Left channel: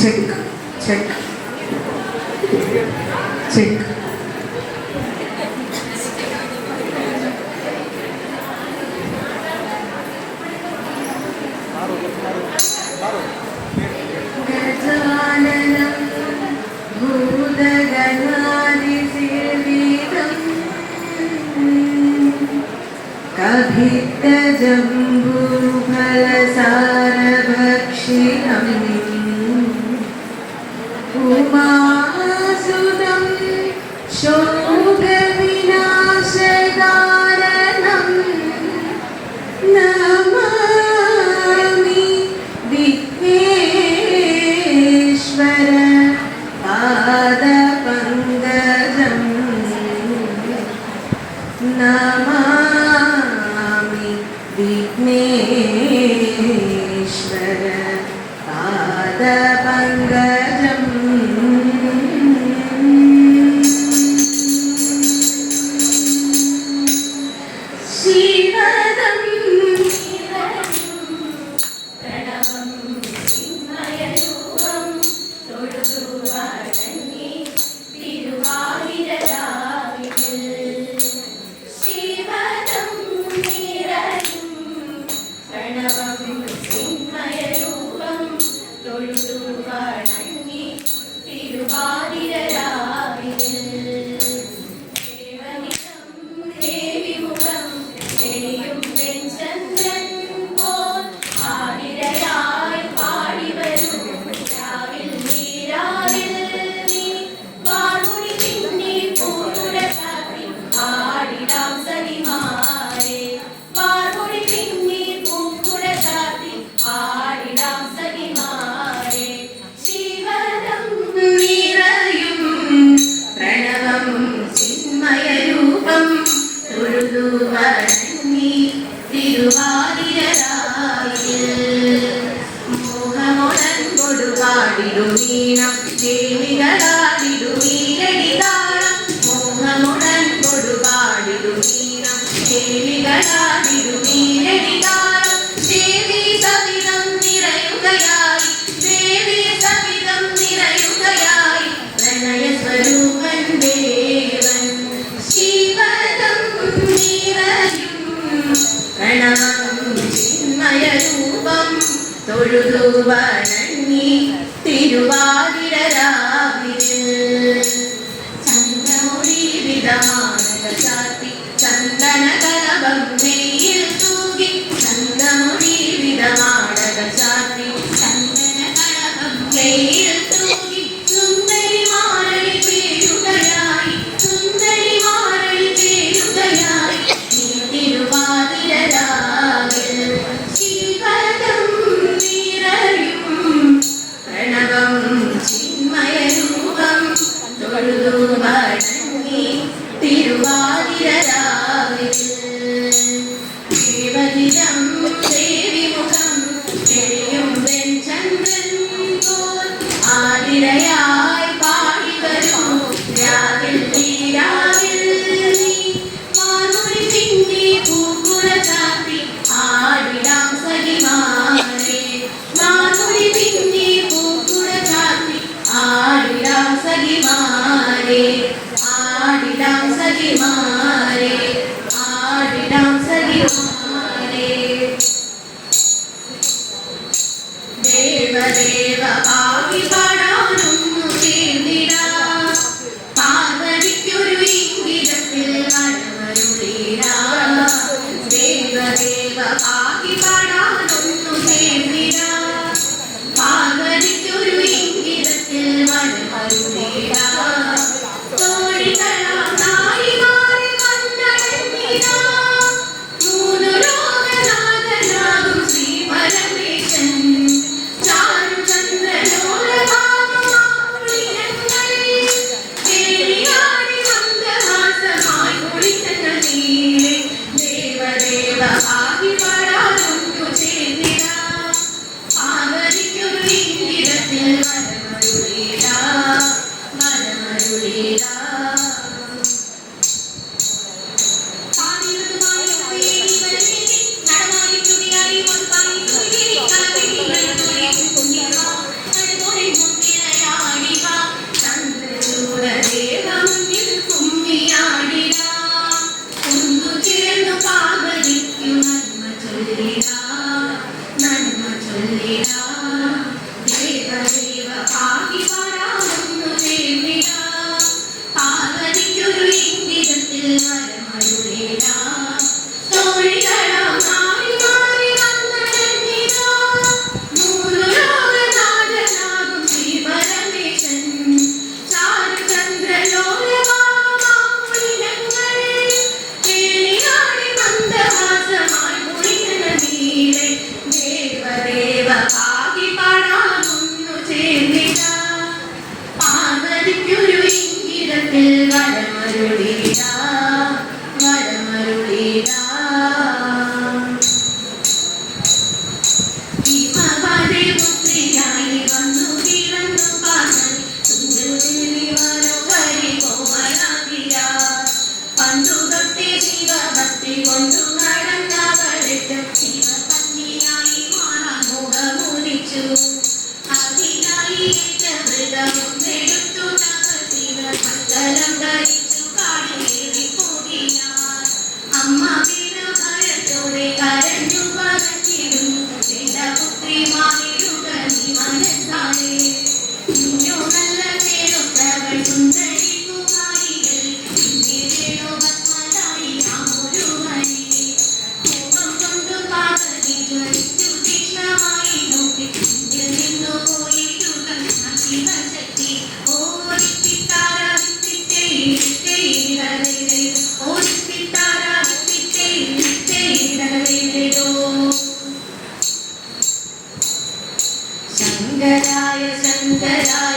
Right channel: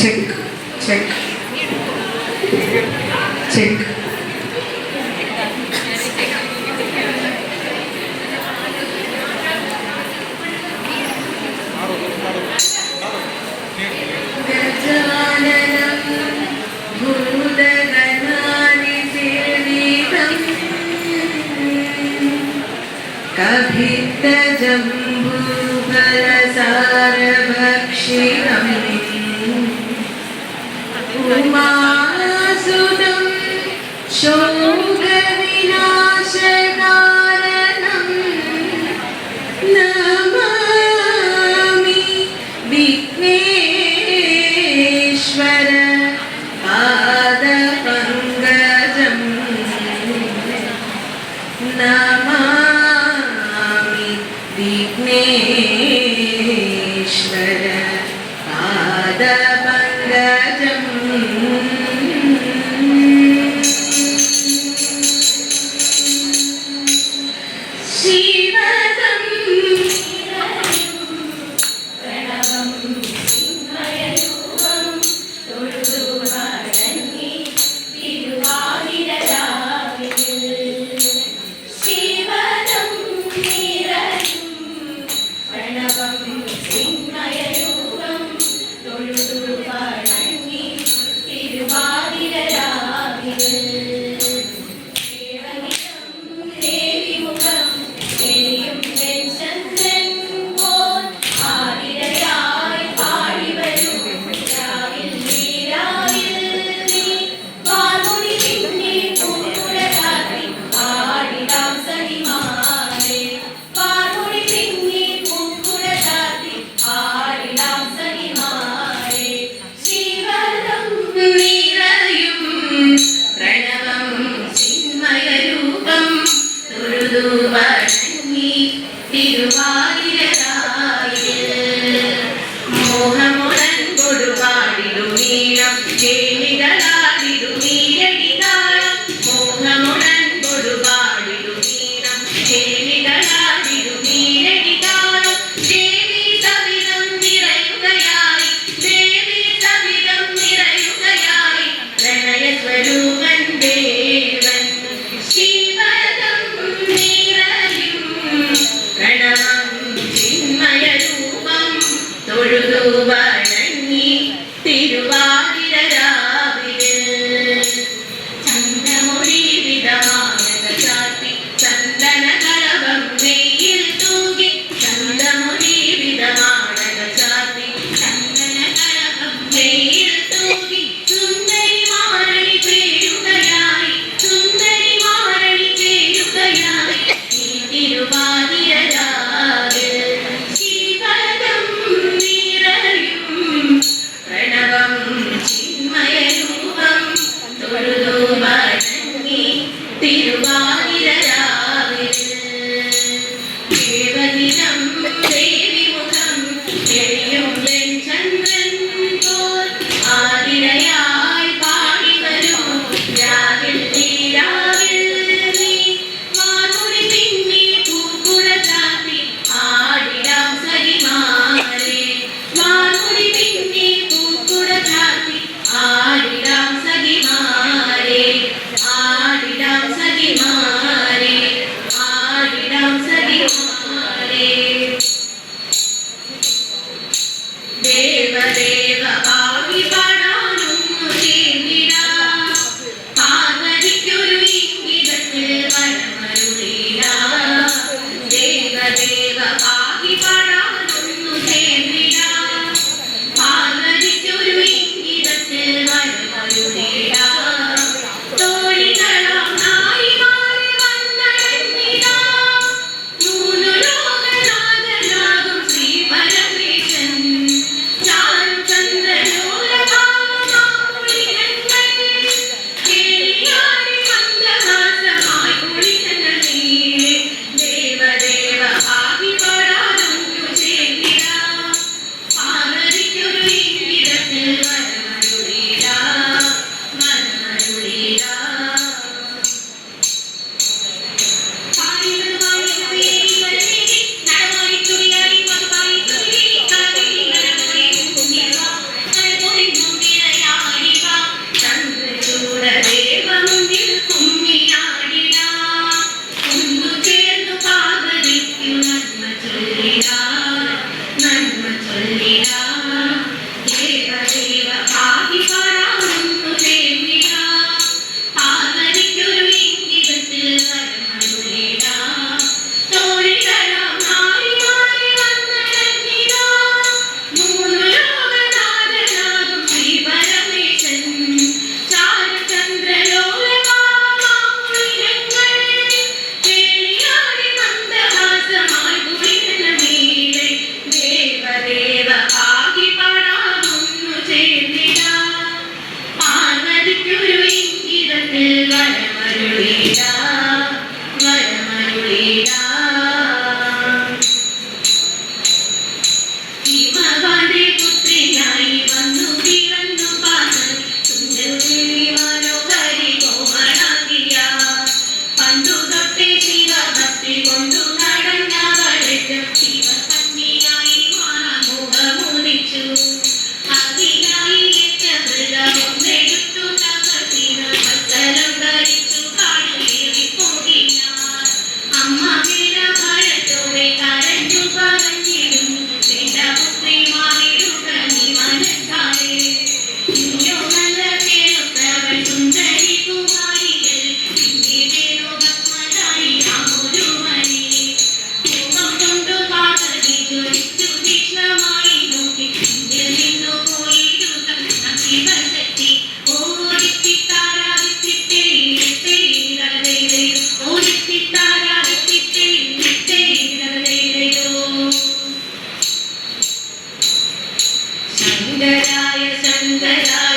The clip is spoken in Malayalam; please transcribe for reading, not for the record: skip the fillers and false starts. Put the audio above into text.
Check check check. कभित्तजम्बूफलसारभक्षिणम् उमासुतं शोकविनाशकारणं नमामि विघ्नेश्वर पादपङ्कजं नमामि विघ्नेश्वर पादपङ्कजम् Chandra ചൊല്ലിടാം ദേവദേവ പാഹി പാടാമെന്നു ചേർന്നിടാം പാർവതിക്കൊരു ഇംഗിതത്തിൽ വരമരുളിടാം തോഴികളാം നാടി മാറി വന്നടഞ്ഞിടാം മൂന്നു ലോകനാഥനാകും ശ്രീപരമേശൻ ചാരുചന്ദ്രലോലമാമൂലിനങ്ങൾ വേളിയാടി മന്ദഹാസമായി കുളിരുന്ന നീലെ ദേവദേവ പാഹി പാടാമെന്നു ചേർന്നിടാം പാർവതിക്കൊരു ഇംഗിതത്തിൽ വരമരുളിടാം ഭീമവാദേ പുത്രിയായി വന്നു പിറന്നു പാസൻ സുന്ദരി മനോഹരി കോമളാകിയ പണ്ടു തൊട്ടേ ശിവഭക്തി കൊണ്ടു നടന്നവളും ശിവകന്യായി മാറാൻ മുഖമോദിച്ചു അതിനായി ഹൃദയമൊന്നെടുത്തു തപസ്സിന സകലം ധരിച്ചു കാടുകേറി പോകിനാൻ അമ്മ ഭയത്തോടെ കരഞ്ഞു പറഞ്ഞിടുന്നു എന്റെ പുത്രി മാറിടുക നീ മനസ്സാലെ നിന്നോടല്ല കേൾത്തവൾ സുന്ദരി കുമാരികൾ നിന്നെ വേണോ ഭസ്മധാരി രാമൊരു മണി മുഖം കൊണ്ടു കാകതി ജ്വലിച്ചു തീക്ഷ്ണമായി നോക്കി നിന്നിൽ നിന്നു പോയിടുക ശിവശക്തി ഓടിത്തിത്താര വിത്തിട്ടേ ഇരതേ ഓടിത്തിത്താര വിത്തിട്ടേ ഇരതേയോ ശങ്കരായ ശങ്കരായ